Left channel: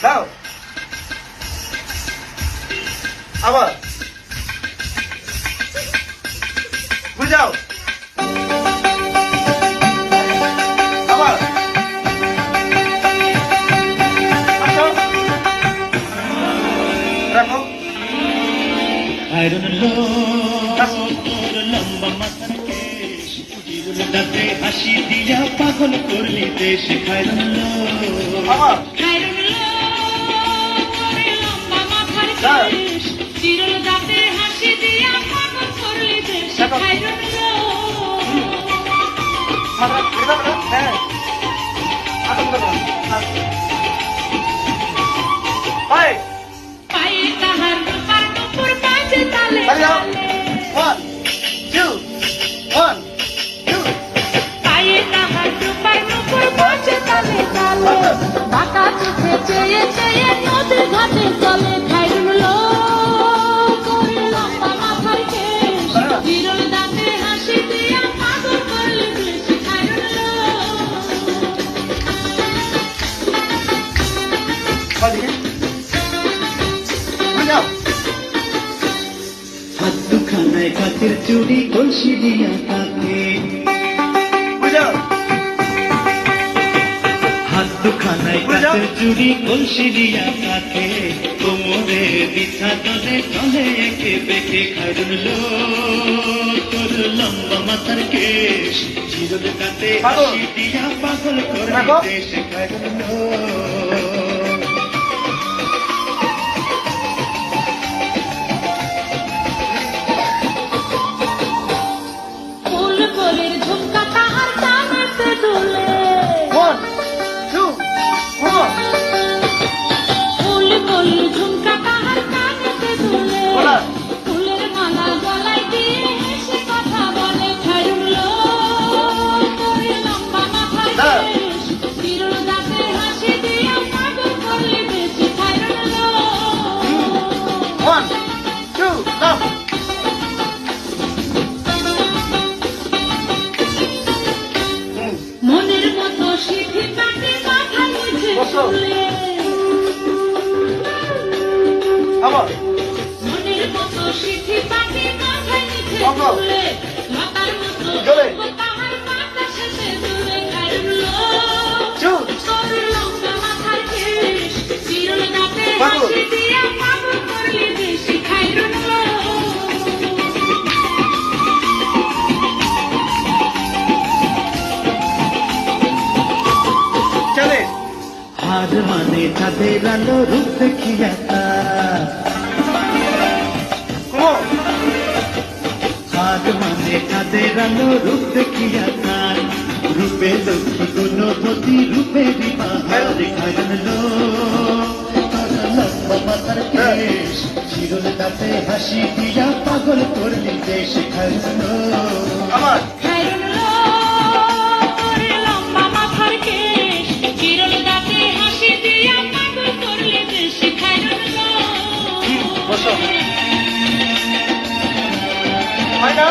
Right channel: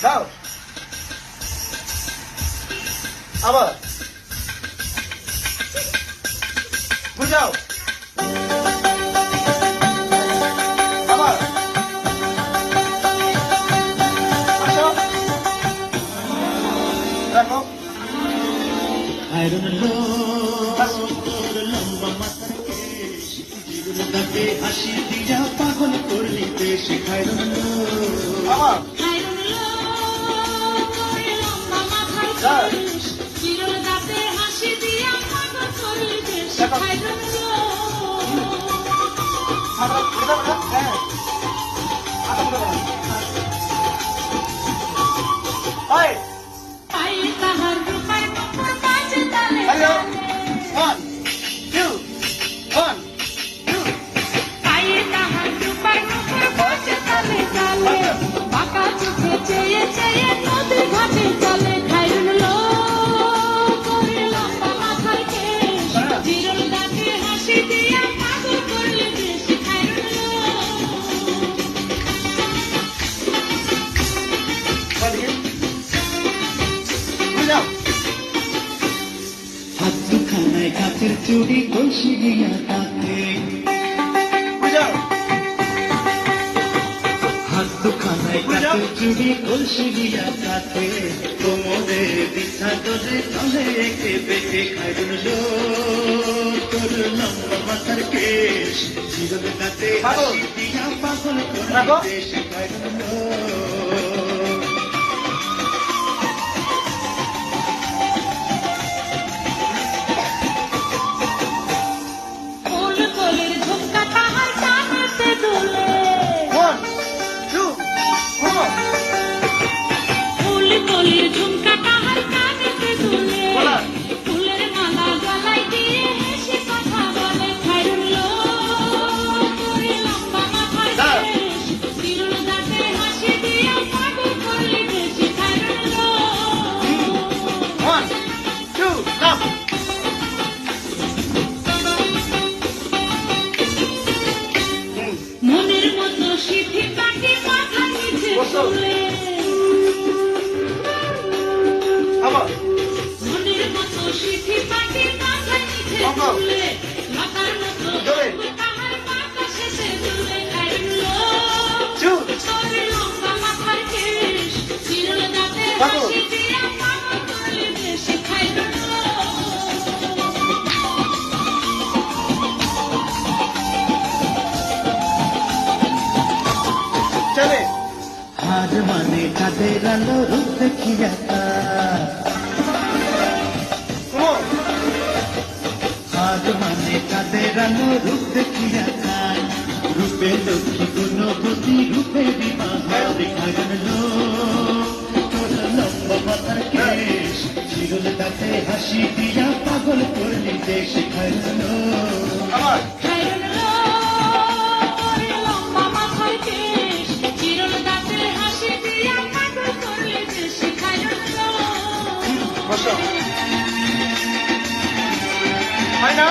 দাও আবার বুঝাও আবার রাখো হাসি দিয়া পাগল করলি দেশ আবার হাসি দিয়া পাগল করলি দেশ হ্যাঁ One, two, one, two. বাঁকা চোখে চেয়ে চেয়ে নদীর ঘাটে চলে খাইরুল বিরল ডাকে হাসি দিয়ে পাগল করলে বেশি খাইরুল হাতখানায় কাচের চুড়ি কলসি দিয়া তাকে হাতখানায় কাচের চুড়ি কলসি দিয়া তাকে কোমরে বিছা দলে চলে একে বেঁকে খাইরুল তোর লম্বা মাথার কেশ চিরল কাতে হাসি দিয়া পাগল করলি দেশ খাইরুল ঝুমকা তাহার কানেতে দুলে ফুলের মালা গলায় দিয়ে হেসে কথা বলে খাইরুল তোর লম্বা মাথার কেশ বিরল দাঁতে হাসি দিয়ে পাগল করলে বেশি খাইরুল One, two, love. মনের মতো সিথি কাটি মাথা নিচে তুলে আবার মনের মতো সিথি কাটি মাথা নিচে তুলে মাথার মতো তাহার মাথা শেষে তুলে খাইরুল তোর লম্বা মাথার কেশ বিরল দাঁতে হাসি দিয়ে পাগল করলে বেশি খাইরুল চলে হার মানে চাঁদের আলো রূপ দেখিয়া হার মানে চাঁদের আলো রূপ দেখিয়া তার রূপে লক্ষ্মী গুণবতী রূপে খাইরুল তোর লম্বা মাথার কেশ চিরল দাঁতে হাসি দিয়া পাগল করলি দেশ খাইরুল আবার বসো হয় না